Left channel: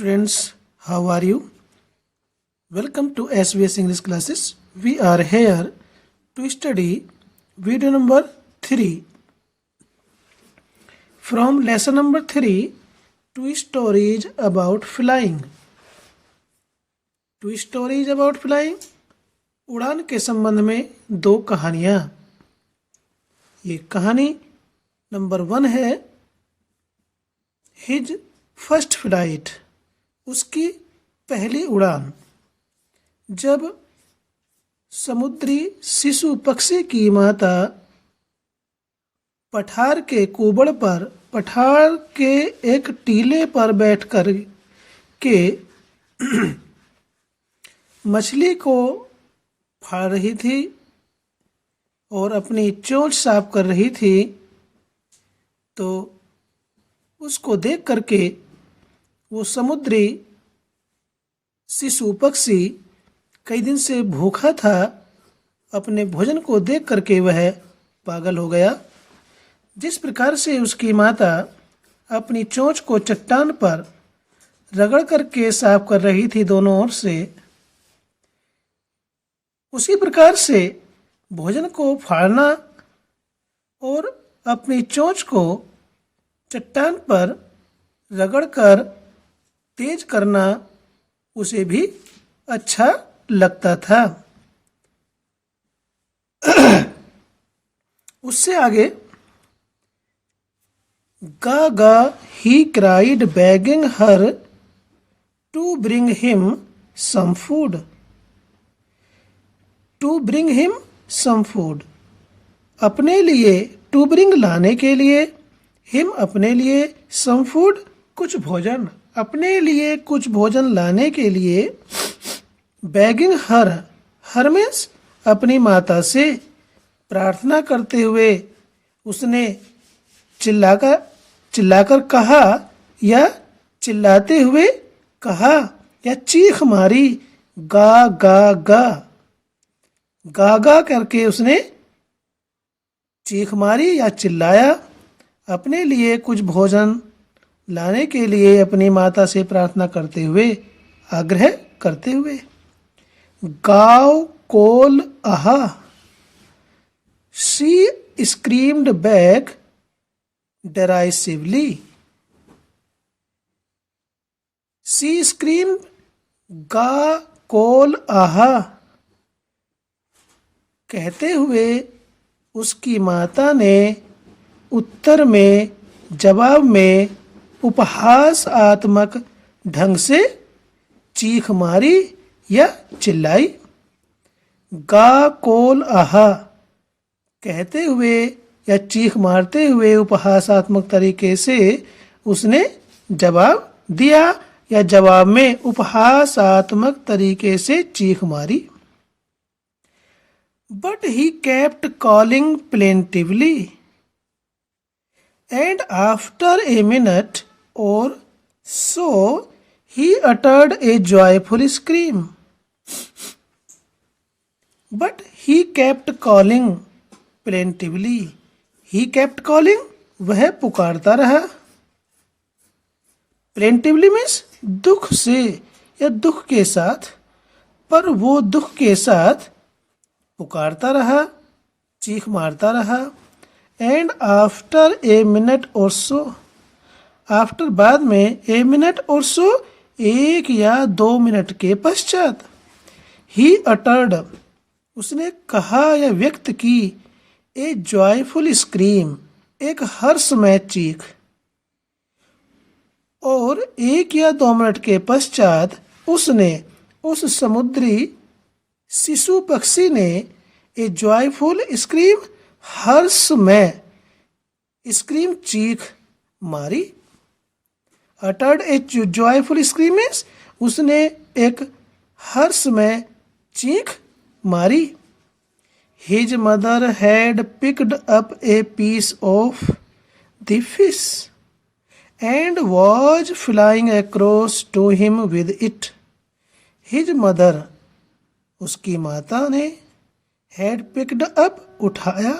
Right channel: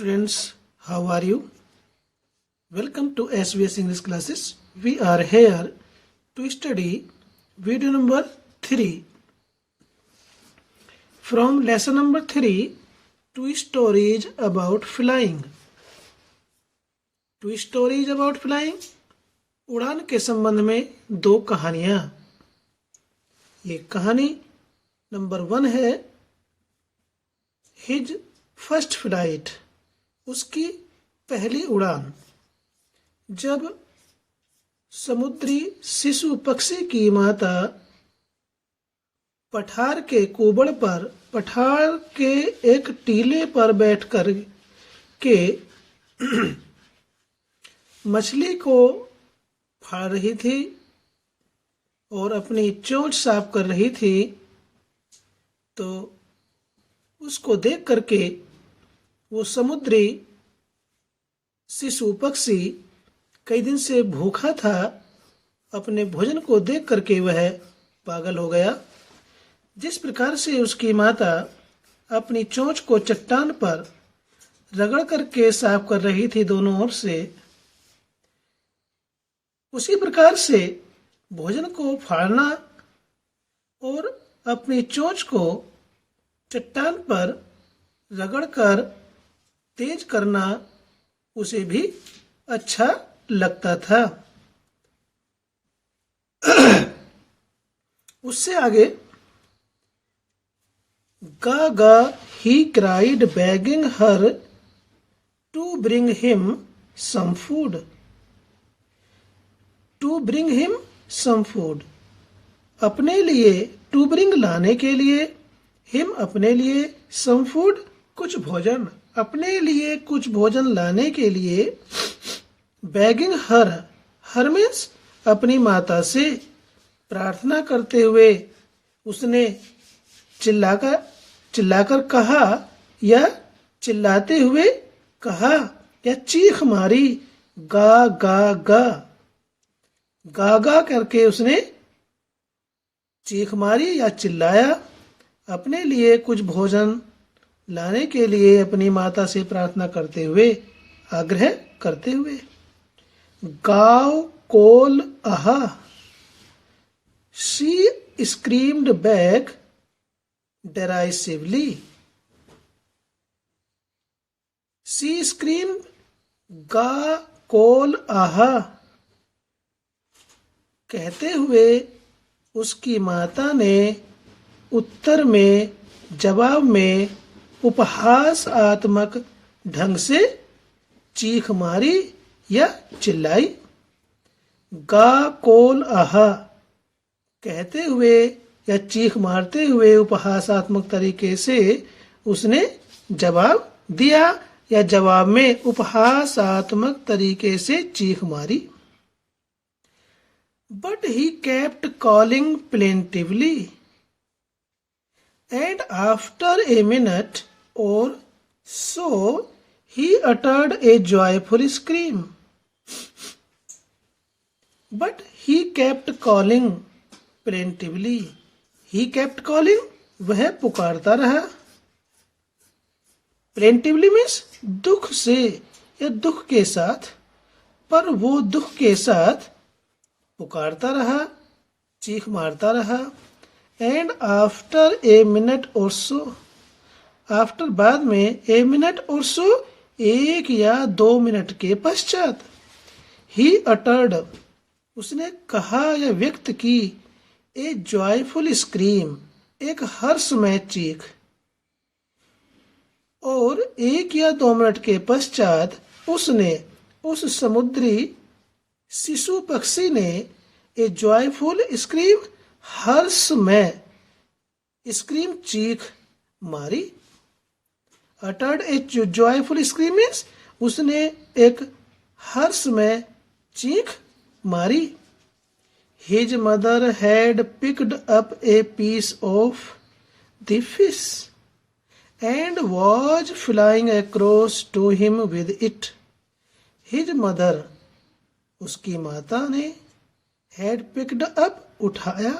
Students, how are you? Welcome to SBS English classes. We are here to study video number 3 from lesson number 3, two stories about flying. Two stories about flying. उड़ान के संबंध में दो कहानियां. ये कहानी number 1 है his first flight, उसकी पहली उड़ान. जब समुद्री शिशु पक्षी की माता पठार के कुबड़ पर पठार के एक टीले पर बैठकर के मछली को फाड़ रही थी और अपनी चोंच साफ कर रही थी, तो उसको देख करके वो समुद्री शिशु पक्षी कई दिन से भूखा था. अपने भोजन को देख करके वह पागल हो गया. जिस प्रकार से उसकी माता अपनी चोंच को चट्टान पर रगड़ करके साफ कर रही थी दोनों ओर से, उसी प्रकार से भोजन को फाड़ना और अपनी चोंच को चट्टान पर रगड़कर तेज करना उसे भी अच्छा लगता था. उससे आगे गा he cried begging her to bring him some food. To bring him some food. अपने लिए to bring लाने के लिए, him अपने लिए, some food कुछ भोजन, अपने लिए कुछ भोजन लाने के लिए. begging her means अपनी माता से प्रार्थना करते हुए उसने चिल्लाकर कहा या चिल्लाते हुए कहा या चीख मारी, गा गा गा. गा गा करके उसने चीख मारी या चिल्लाया. अपने लिए कुछ भोजन लाने के लिए अपनी माता से प्रार्थना करते हुए, आग्रह करते हुए. गाव कोल आहा. She screamed back derisively. She screamed गा कोल आहा. कहते हुए उसकी माता ने उत्तर में, जवाब में उपहासात्मक ढंग से चीख मारी या चिल्लाई. गा कोल आहा कहते हुए या चीख मारते हुए उपहासात्मक तरीके से उसने जवाब दिया या जवाब में उपहासात्मक तरीके से चीख मारी. But he kept calling plaintively, and after a minute or so he uttered a joyful scream. But he kept calling plaintively. He kept calling, वह पुकारता रहा. plaintively means दुख से या दुख के साथ, पर वो दुख के साथ पुकारता रहा, चीख मारता रहा. एंड आफ्टर ए मिनट और सो, आफ्टर बाद में, ए मिनट और सो एक या 2 मिनट के पश्चात, ही अटर्ड उसने कहा या व्यक्त की, ए जॉयफुल स्क्रीम एक हर्षमय चीख. और 1 या 2 मिनट के पश्चात उसने, उस समुद्री शिशु पक्षी ने, ए जॉयफुल स्क्रीम हर्षमय स्क्रीम चीख मारी. अटर्ड ए जॉयफुल स्क्रीम मीन्स उसने एक हर्षमय चीख मारी. His mother had picked up a piece of the fish and was flying across to him with it. His mother उसकी माता ने had picked up उठाया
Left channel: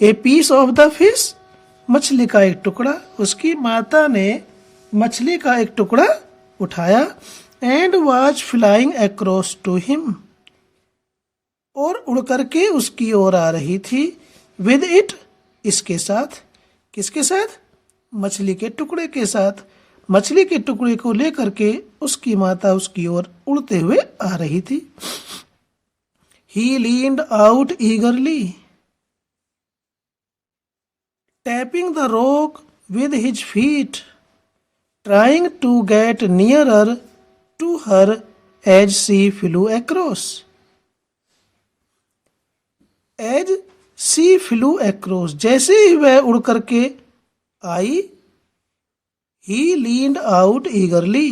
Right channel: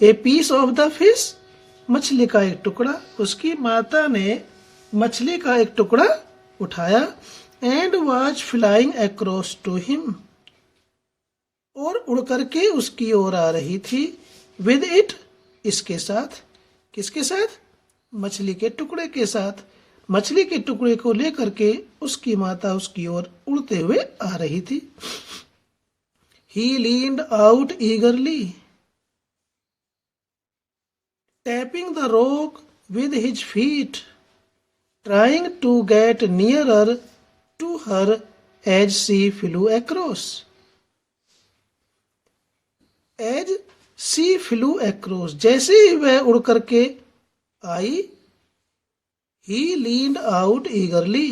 a piece of the fish मछली का एक टुकड़ा. उसकी माता ने मछली का एक टुकड़ा उठाया and was flying across to him, और उड़ करके उसकी ओर आ रही थी। विद इट, इसके साथ। किसके साथ? मछली के टुकड़े के साथ। मछली के टुकड़े को लेकर के उसकी माता उसकी ओर उड़ते हुए आ रही थी। He leaned out eagerly, tapping the rock with his feet, trying to get nearer to her as she flew across. As she flew across, जैसे ही वह उड़ करके आई, he leaned out eagerly,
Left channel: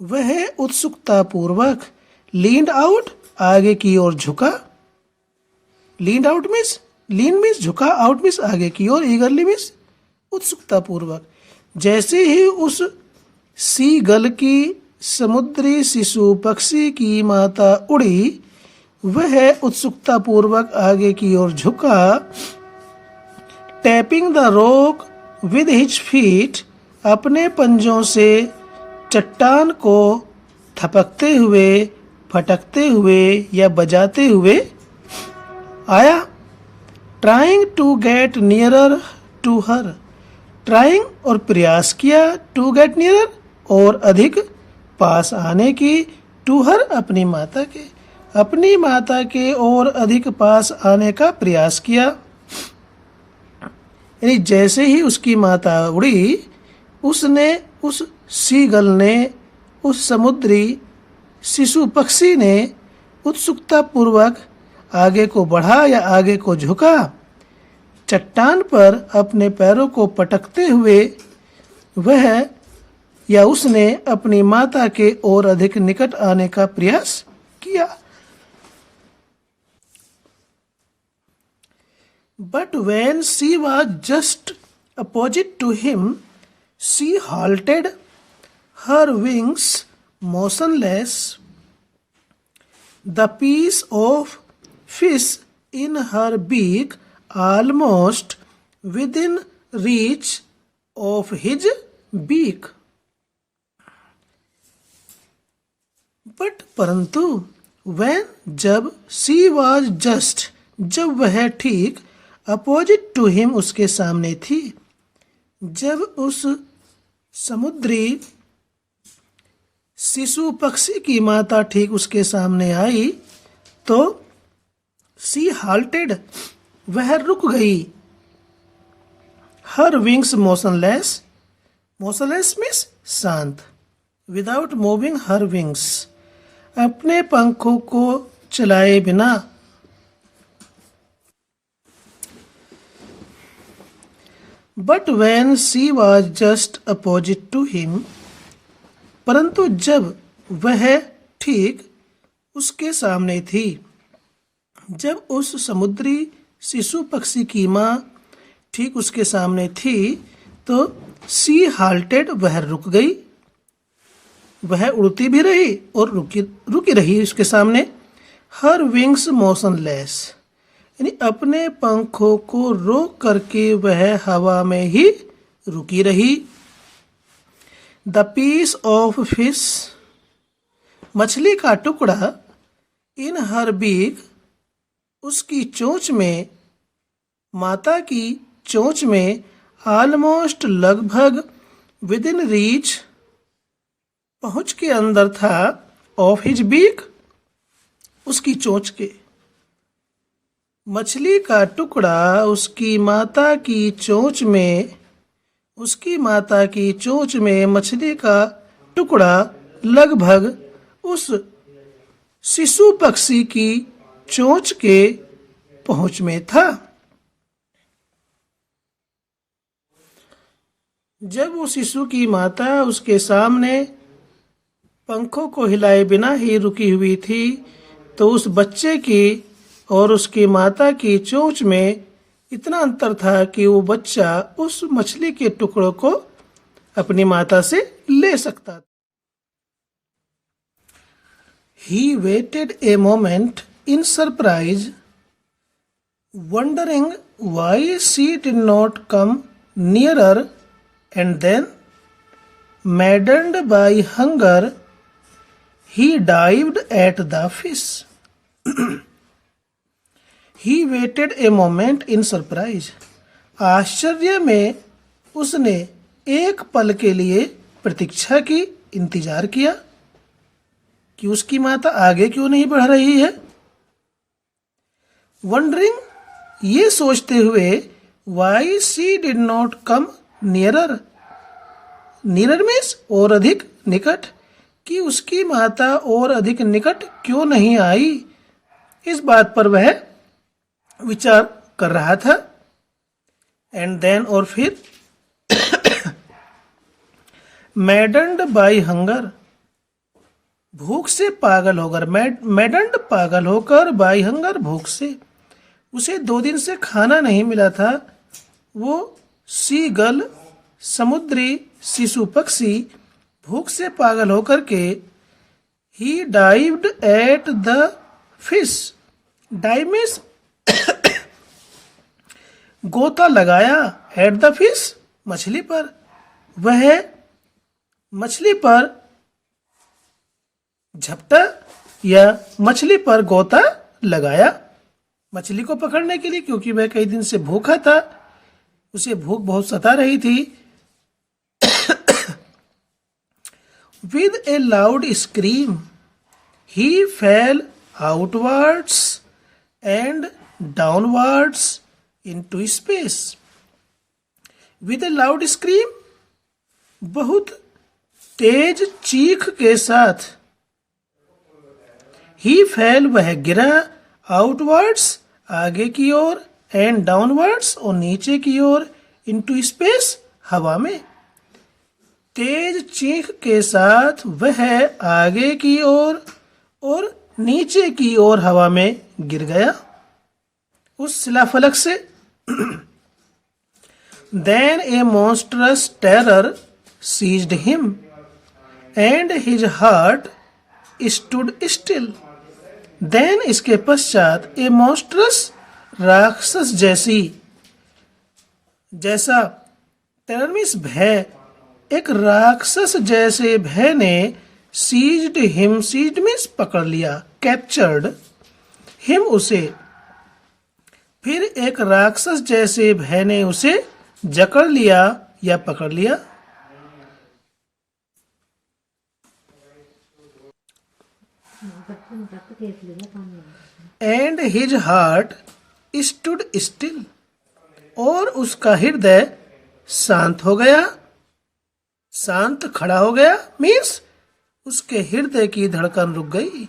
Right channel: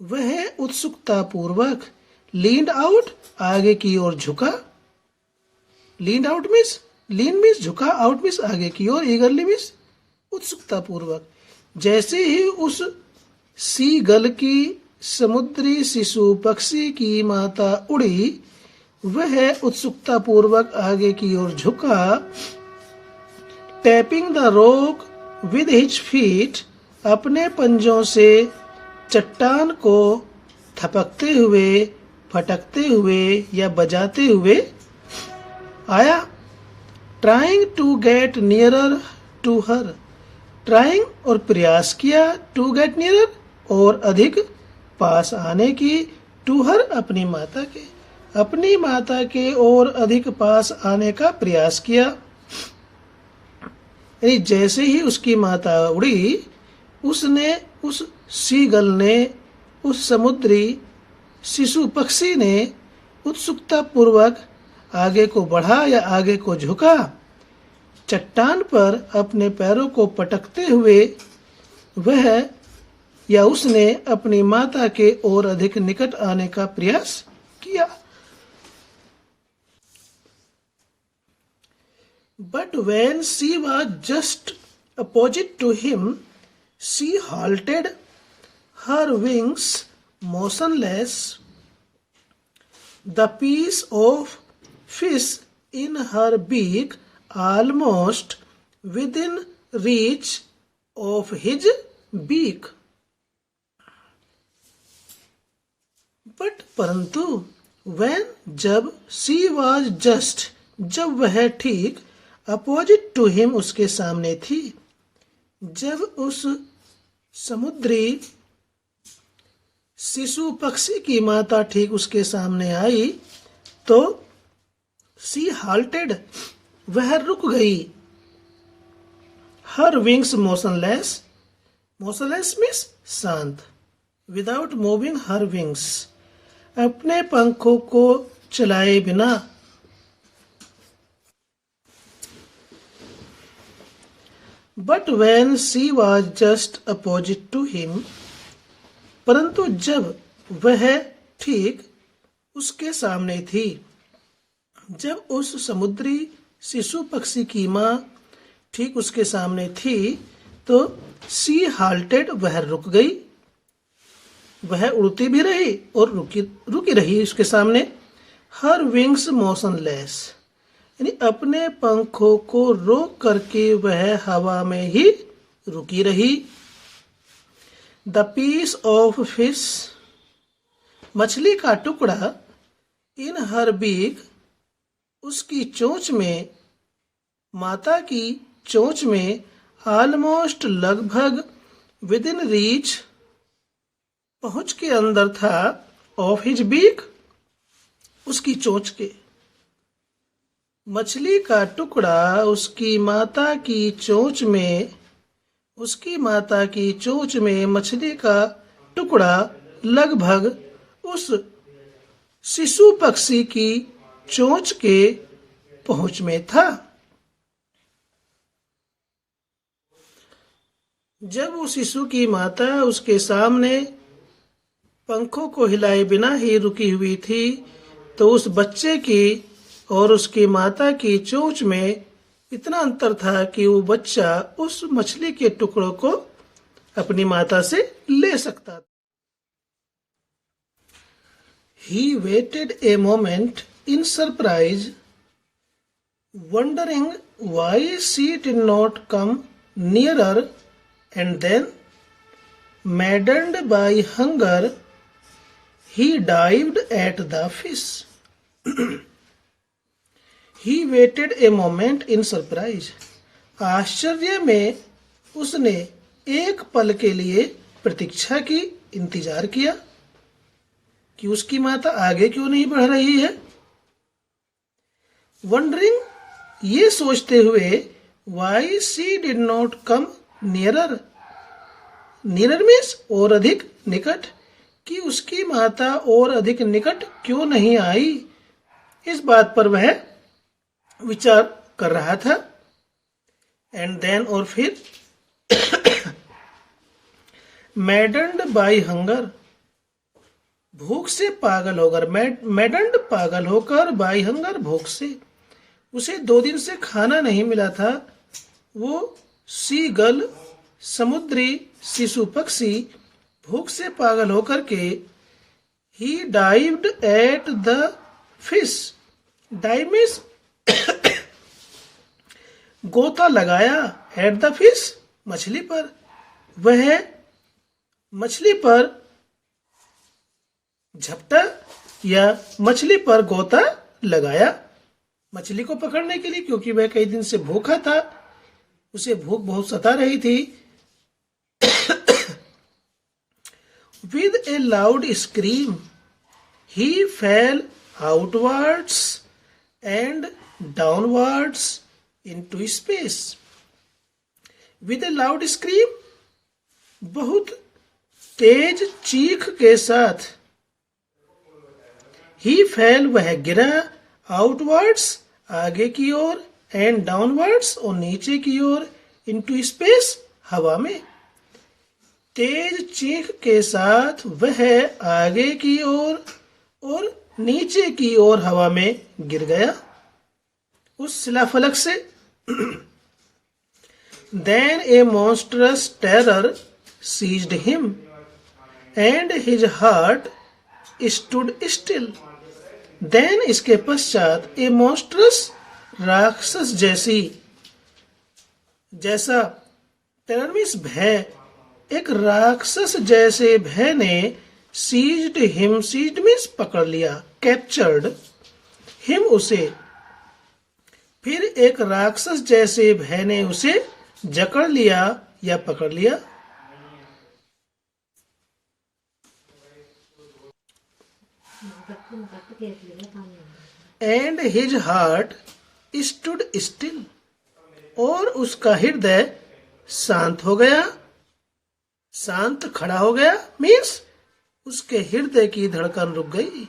वह उत्सुकता पूर्वक, leaned out आगे की ओर झुका। leaned out means, lean means झुका, out मीन्स आगे की ओर, eagerly मीन्स उत्सुकता पूर्वक। जैसे ही उस सी गल की, समुद्री शिशु पक्षी की माता उड़ी, वह उत्सुकता पूर्वक आगे की ओर झुका। Tapping the rock with his feet, अपने पंजों से चट्टान को थपकते हुए, फटकते हुए या बजाते हुए आया। Trying to get nearer to her, trying और प्रयास किया, टू गेट नियरर और अधिक पास आने की, टू हर अपनी माता के, अपनी माता के और अधिक पास आने का प्रयास किया। यानी जैसे ही उसकी माता उड़ी, उसने, उस सीगल ने, उस समुद्री शिशु पक्षी ने उत्सुकता पूर्वक आगे को बढ़ा या आगे को झुका। चट्टान पर अपने पैरों को पटकते हुए वह या उसने अपनी माता के और अधिक निकट आने का प्रयास किया। But when she was just opposite to him, she halted, her wings motionless, the piece of fish in her beak almost within reach of his beak. But परंतु when, जब, she was just, जब वह ठीक, opposite to him उसके सामने थी, जब उस समुद्री शिशु पक्षी की माता ठीक उसके सामने आई, तो सी हाल्टेड, वह रुक गई। हर विंग्स मोशनलेस, मोशनलेस मीन्स शांत, विदाउट मूविंग हर विंग्स, अपने पंखों को चलाए बिना। But when she was just opposite to him, परंतु जब वह ठीक उसके सामने थी, जब उस समुद्री शिशु पक्षी की माँ ठीक उसके सामने थी, तो सी हाल्टेड, वह रुक गई, वह उड़ती भी रही और रुकी रही उसके सामने। हर विंग्स मोशनलेस, यानी अपने पंखों को रोक करके वह हवा में ही रुकी रही। द पीस ऑफ फिश, मछली का टुकड़ा, इन हर बीक, उसकी चोंच में, माता की चोंच में, ऑलमोस्ट लगभग, विद इन रीच, पहुंच के अंदर था, ऑफ हिज बीक, उसकी चोंच के। मछली का टुकड़ा उसकी माता की चोंच में, उसकी माता की चोंच में मछली का टुकड़ा लगभग उस शिशु पक्षी की चोंच के पहुंच में था। जब वो शिशु की माता उसके सामने पंखों को हिलाए बिना ही रुकी हुई थी, तो उस बच्चे की और उसकी माता की चोंच में इतना अंतर था कि वो बच्चा उस मछली के टुकड़ों को अपनी माता से ले सकता था। He waited a moment in surprise, wondering why she did not come nearer, and then, Maddened by hunger, he dived at the fish. He waited a moment in surprise. आश्चर्य में उसने एक पल के लिए प्रतीक्षा की, इंतजार किया कि उसकी माता आगे क्यों नहीं बढ़ रही है. Wondering, ये सोचते हुए, why she did not come nearer. Nearer means और अधिक निकट, कि उसकी माता और अधिक निकट क्यों नहीं आई. इस बात पर वह विचार कर रहा था. एंड देन, और फिर, मैडन्ड बाय हंगर, भूख से पागल होकर, मैडन्ड पागल होकर, बाय हंगर भूख से. उसे 2 दिन से खाना नहीं मिला था. वो सी गल, समुद्री शिशु पक्षी, भूख से पागल होकर के, he dived at the fish. Dive means गोता लगाया, एट द फिश मछली पर. वह मछली पर झपटा या मछली पर गोता लगाया, मछली को पकड़ने के लिए, क्योंकि वह कई दिन से भूखा था. उसे भूख बहुत सता रही थी. With a loud scream, he fell outwards and downwards into space. With a loud scream, बहुत तेज चीख के साथ, he fell, वह गिरा, outwards, आगे की ओर, and downwards, और नीचे की ओर, into space, हवा में. तेज चीख के साथ वह आगे की ओर और नीचे की ओर हवा में गिर गया उस शिलाफलक से. Then a monstrous terror seized him, and his heart stood still. Then, इसके पश्चात, a monstrous, राक्षस जैसा, terror means भय, एक राक्षस जैसे भय ने, सीज्ड हिम, सीज्ड मीन्स पकड़ लिया, कैप्चर्ड हिम, उसे. फिर एक राक्षस जैसे भय ने उसे जकड़ लिया या पकड़ लिया. And his heart stood still, और उसका हृदय शांत हो गया, शांत खड़ा हो गया. मीन्स उसके हृदय की धड़कन रुक गई.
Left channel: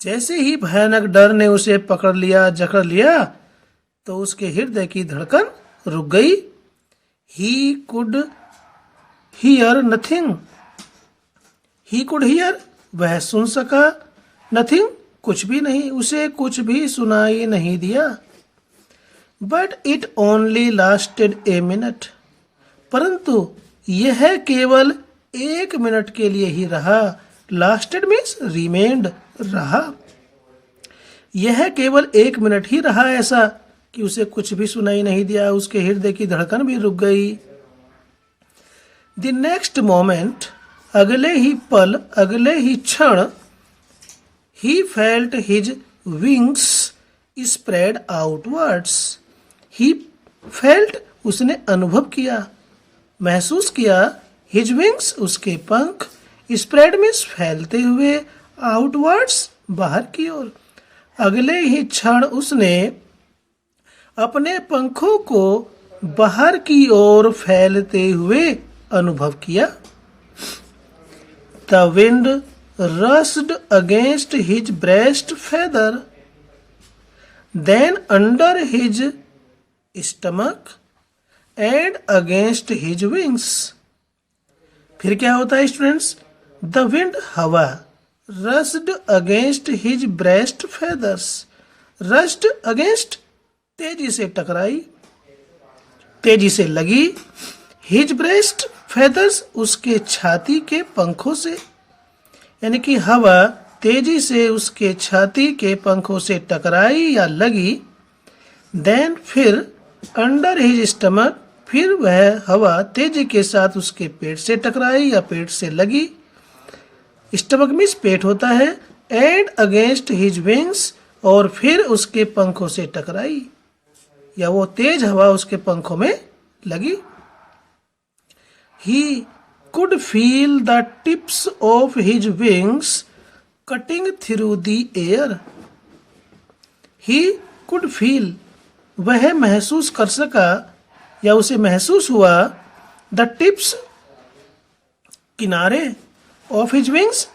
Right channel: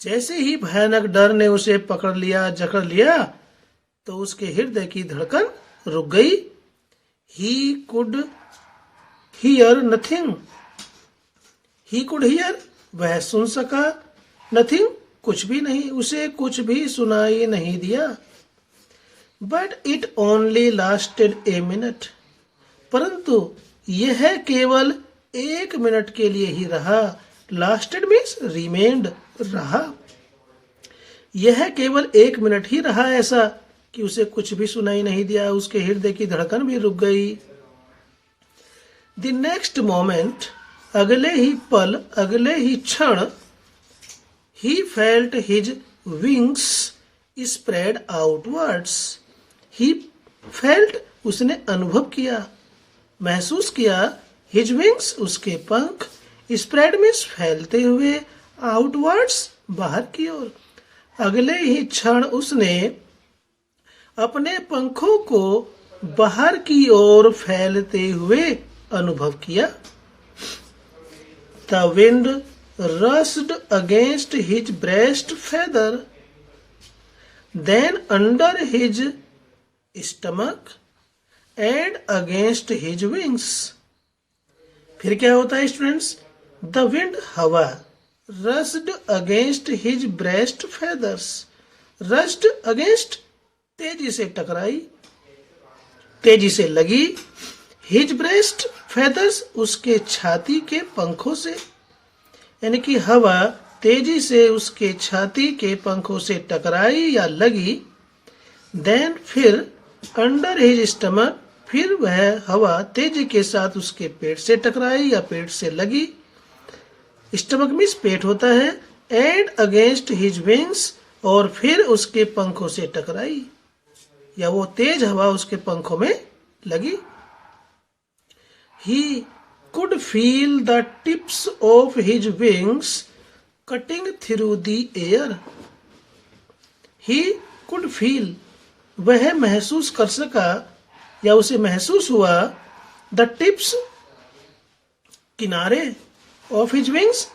जैसे ही भयानक डर ने उसे पकड़ लिया, जकड़ लिया, तो उसके हृदय की धड़कन रुक गई. He could hear nothing, he could hear, वह सुन सका, नथिंग, कुछ भी नहीं, उसे कुछ भी सुनाई नहीं दिया. But it only lasted a minute, परंतु यह केवल 1 मिनट के लिए ही रहा. लास्टेड मीन्स रिमेन्ड, रहा. यह केवल 1 मिनट ही रहा, ऐसा कि उसे कुछ भी सुनाई नहीं दिया, उसके हृदय की धड़कन भी रुक गई. द नेक्स्ट मोमेंट, अगले ही पल, अगले ही क्षण, he felt his wings spread outwards. He felt, उसने अनुभव किया, महसूस किया, हिज विंग्स, उसके पंख, स्प्रेड मीन्स फैलते हुए, आउटवर्ड्स, बाहर की ओर. अगले ही क्षण उसने अपने पंखों को बाहर की ओर फैलते हुए अनुभव किया. The wind rushed against his breast feather, then under his stomach and against his wings. फिर क्या होता है स्टूडेंट्स? द विंड, हवा, rushed against his breast feathers, rushed against, तेजी से टकराई, तेजी से लगी, हिज ब्रेस्ट फेदर्स, उसके छाती के पंखों से, यानी कि हवा तेजी से उसके छाती के पंखों से टकराई या लगी. देन, फिर, अंडर हिज स्टमक, फिर वह हवा तेजी के साथ उसके पेट से टकराई या पेट से लगी, स्टमक मीन्स पेट होता है, एंड अगेंस्ट हिज विंग्स, और फिर उसके पंखों से टकराई या वो तेज हवा उसके पंखों में लगी। He could feel the tips of his wings cutting through the air. He could feel, वह महसूस कर सका या उसे महसूस हुआ, द टिप्स, किनारे, ऑफ हिज विंग्स,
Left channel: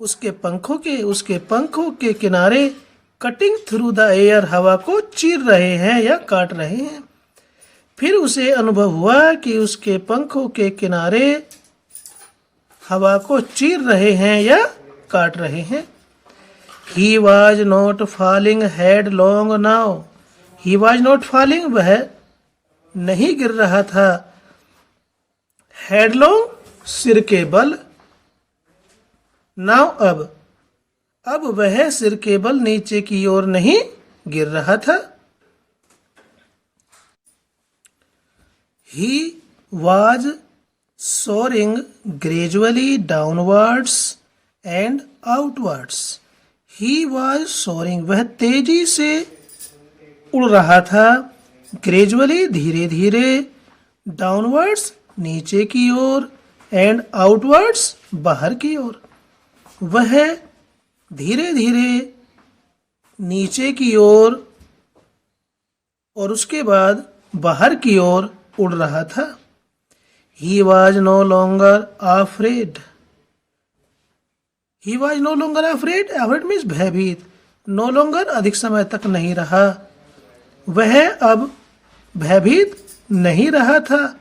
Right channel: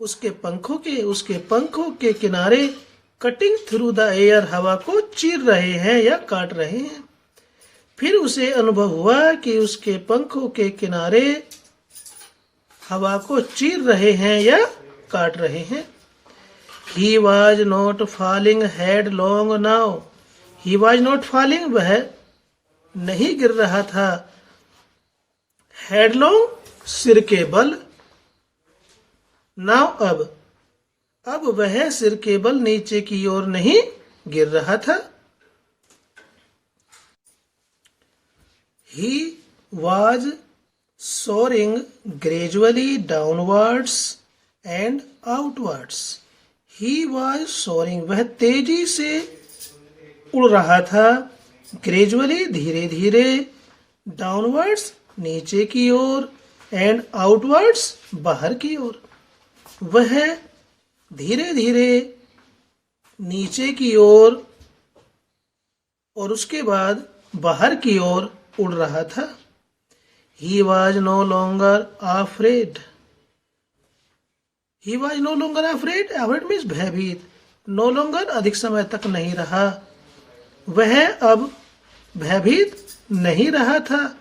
उसके पंखों के किनारे, कटिंग थ्रू द एयर, हवा को चीर रहे हैं या काट रहे हैं। फिर उसे अनुभव हुआ कि उसके पंखों के किनारे हवा को चीर रहे हैं या काट रहे हैं। He was not falling headlong now. He was not falling, वह नहीं गिर रहा था। Headlong, सिर के बल। Now, अब वह सिर के बल नीचे की ओर नहीं गिर रहा था। He was soaring gradually downwards and outwards. He was soaring, वह तेजी से उड़ रहा था, ग्रेजुअली, धीरे धीरे, डाउनवर्ड्स, नीचे की ओर, एंड आउटवर्ड्स, बाहर की ओर। वह धीरे धीरे नीचे की ओर और उसके बाद बाहर की ओर उड़ रहा था। He was no longer afraid. He was no longer afraid. Afraid means भयभीत। No longer, अधिक समय तक नहीं रहा। वह अब भयभीत नहीं रहा था,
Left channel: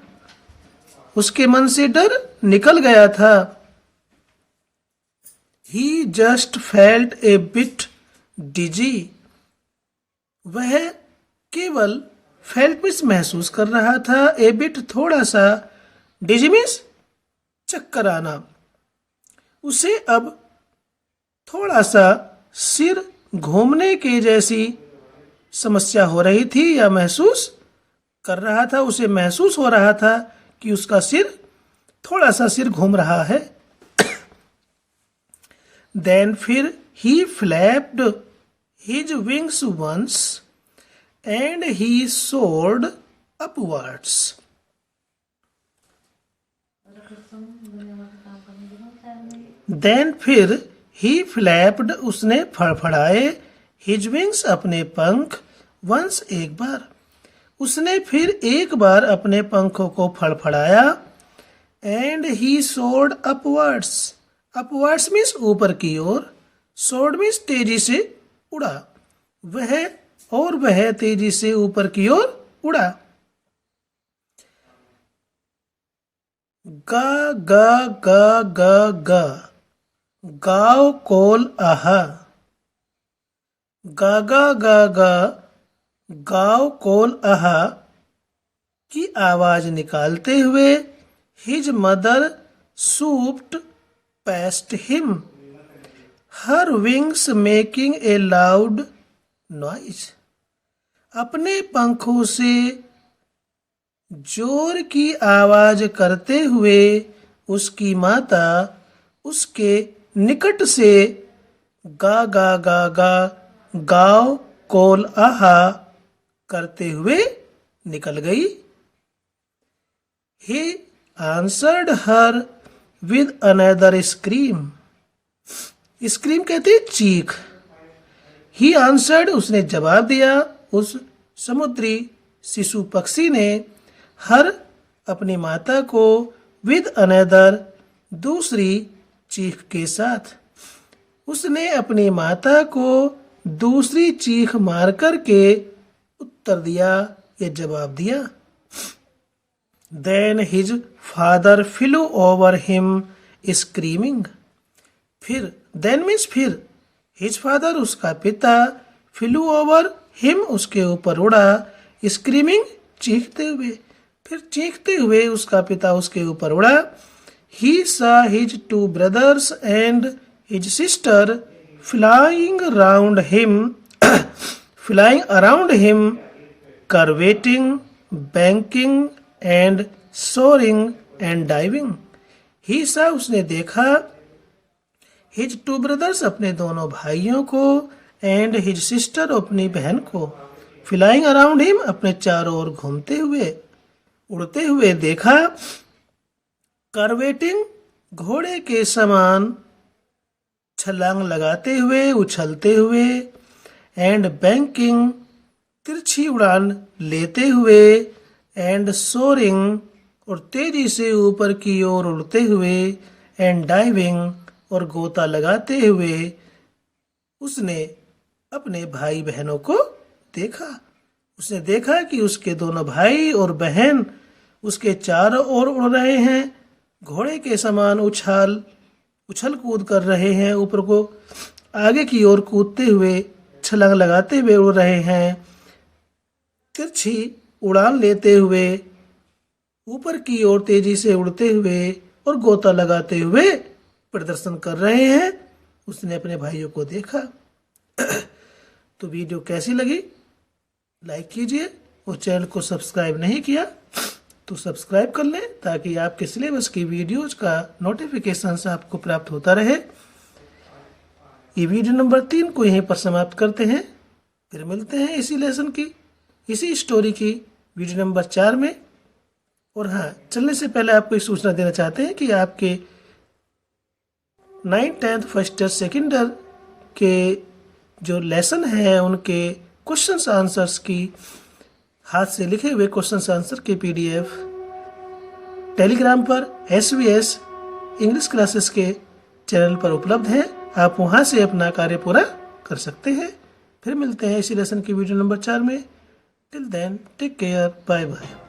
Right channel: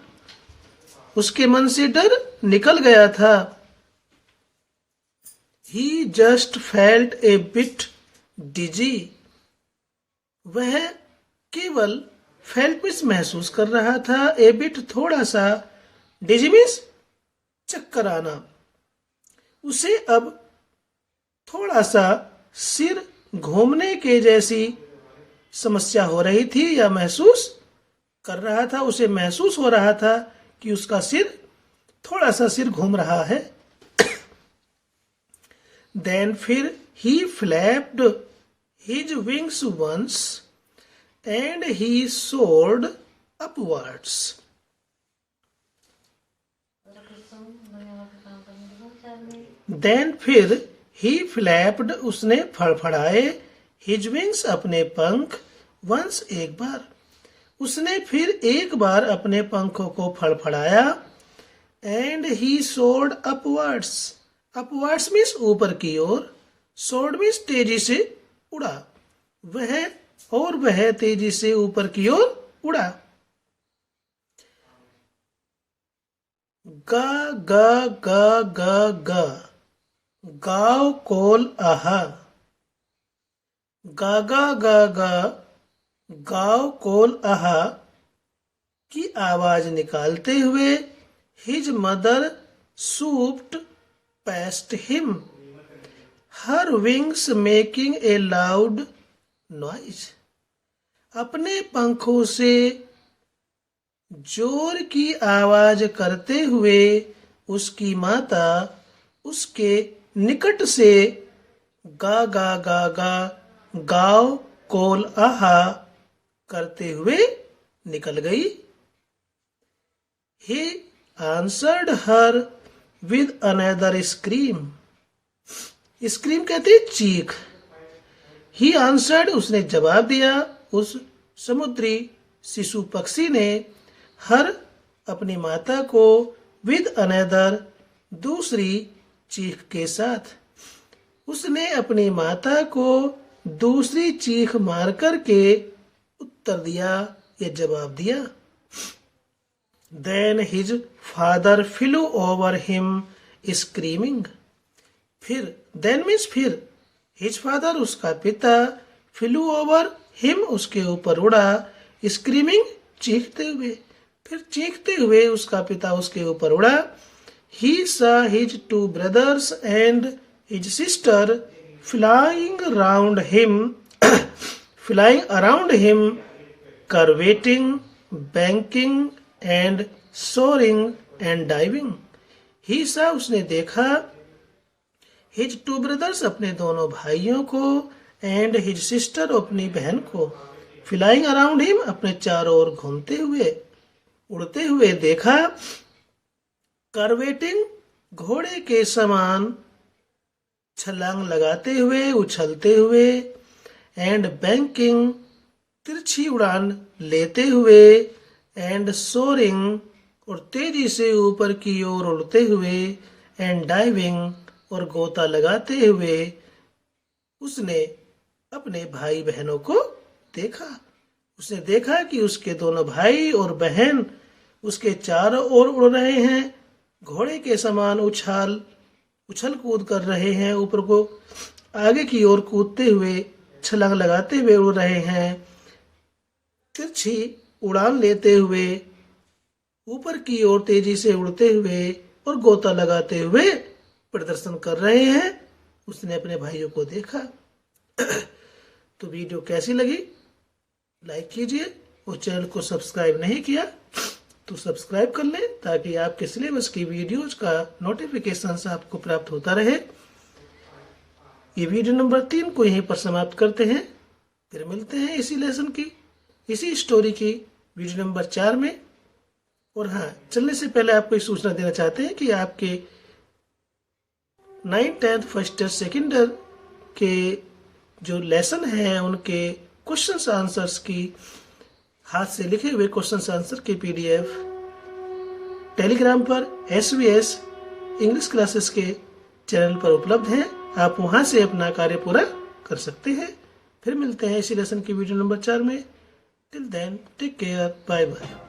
उसके मन से डर निकल गया था। He just felt a bit dizzy. वह केवल felt means महसूस कर रहा था, a bit थोड़ा सा, dizzy means चक्कर आना। उसे अब थोड़ा सा सिर घूमने के जैसी समस्या हो रही थी या महसूस कर रहा था, उसे महसूस हो रहा था कि उसका थोड़ा सा सिर घूम रहा है। Then फिर he flapped his wings once and he soared upwards. Then फिर he flapped, उसने फड़फड़ाए, his wings, अपने पंख, once, एक बार। उसने फिर एक बार अपने पंखों को फड़फड़ाया, and he soared upwards. Upwards means ऊपर की ओर, soared means तेजी से उड़ा। वह तेजी से ऊपर की ओर उड़ा। गा गा गा गा गा, गाव कोल आहा। गा गा गा गा, गाव कोल आहा की आवाज निकालते हुए his mother swooped past him, her wings making a loud noise. अपने पंखों से जोर की आवाज करते हुए उसकी माता उसके निकट से गा गा गा गा, गाव कोल आहा करते हुए निकल गई। He answered her with another scream. Scream कहते चीख। He answered, उसने जवाब दिया, उस समुद्री शिशु पक्षी ने, हर, अपनी माता को, with another, दूसरी चीख के साथ। उसने अपनी माता को दूसरी चीख मार कर के उत्तर दिया या जवाब दिया। Then his father flew over him screaming. फिर, then means फिर, his father, उसका पिता, flew over him, उसके ऊपर उड़ा, screaming, चीखते हुए। फिर चीखते हुए उसका पिता उसके ऊपर उड़ा। He saw his two brothers and his sister flying around him, curveting banking and soaring and diving. ही सा उसने देखा, हिज टू ब्रदर्स अपने दोनों भाइयों को, एंड हिज सिस्टर अपनी बहन को, फ्लाइंग अराउंड हिम अपने चारों ओर घूमते हुए, उड़ते हुए देखा। कर्वेटिंग घोड़े के समान, छलांग लगाते हुए, उछलते हुए, एंड बैंकिंग तिरछी उड़ान लेते हुए, एंड सोरिंग और तेजी से ऊपर की ओर उड़ते हुए, एंड डाइविंग और गोता लगाते हुए उसने अपने भाई बहनों को देखा। उसने देखा कि उसके दोनों भाई और बहन उसके चारों ओर उड़ रहे हैं, घोड़े के समान उछल कूद कर रहे हैं, ऊपर को आगे की ओर कूदते हुए, छलांग लगाते हुए उड़ रहे हैं, तिरछी उड़ान लेते हुए, ऊपर की ओर तेजी से उड़ते हुए और गोता लगाते हुए प्रदर्शन कर रहे हैं। उसने अपने भाइयों को देखा। तो वीडियो कैसी लगी लाइक कीजिए, और चैनल को सब्सक्राइब नहीं किया तो सब्सक्राइब कर लें, ताकि आपके सिलेबस की वीडियोज का नोटिफिकेशन आपको प्राप्त होता रहे। ये वीडियो नंबर 3 को यहीं पर समाप्त करते हैं, फिर मिलते हैं इसी लेसन की, इसी स्टोरी की वीडियो नंबर 4 में। और हाँ, चलने से पहले आपको एक सूचना देना चाहते हैं कि आपके 9th 10th first year second year के जो लेसन हैं उनके क्वेश्चंस आंसर्स की हाथ से लिखे हुए क्वेश्चंस आंसर के PDF टेलीग्राम पर SVS इंग्लिश क्लासेस के चैनल पर उपलब्ध हैं। आप वहां से अपना कार्य पूरा कर सकते हैं। फिर मिलते हैं इसी लेसन की वीडियो नंबर 4 में। Till then take care, bye bye.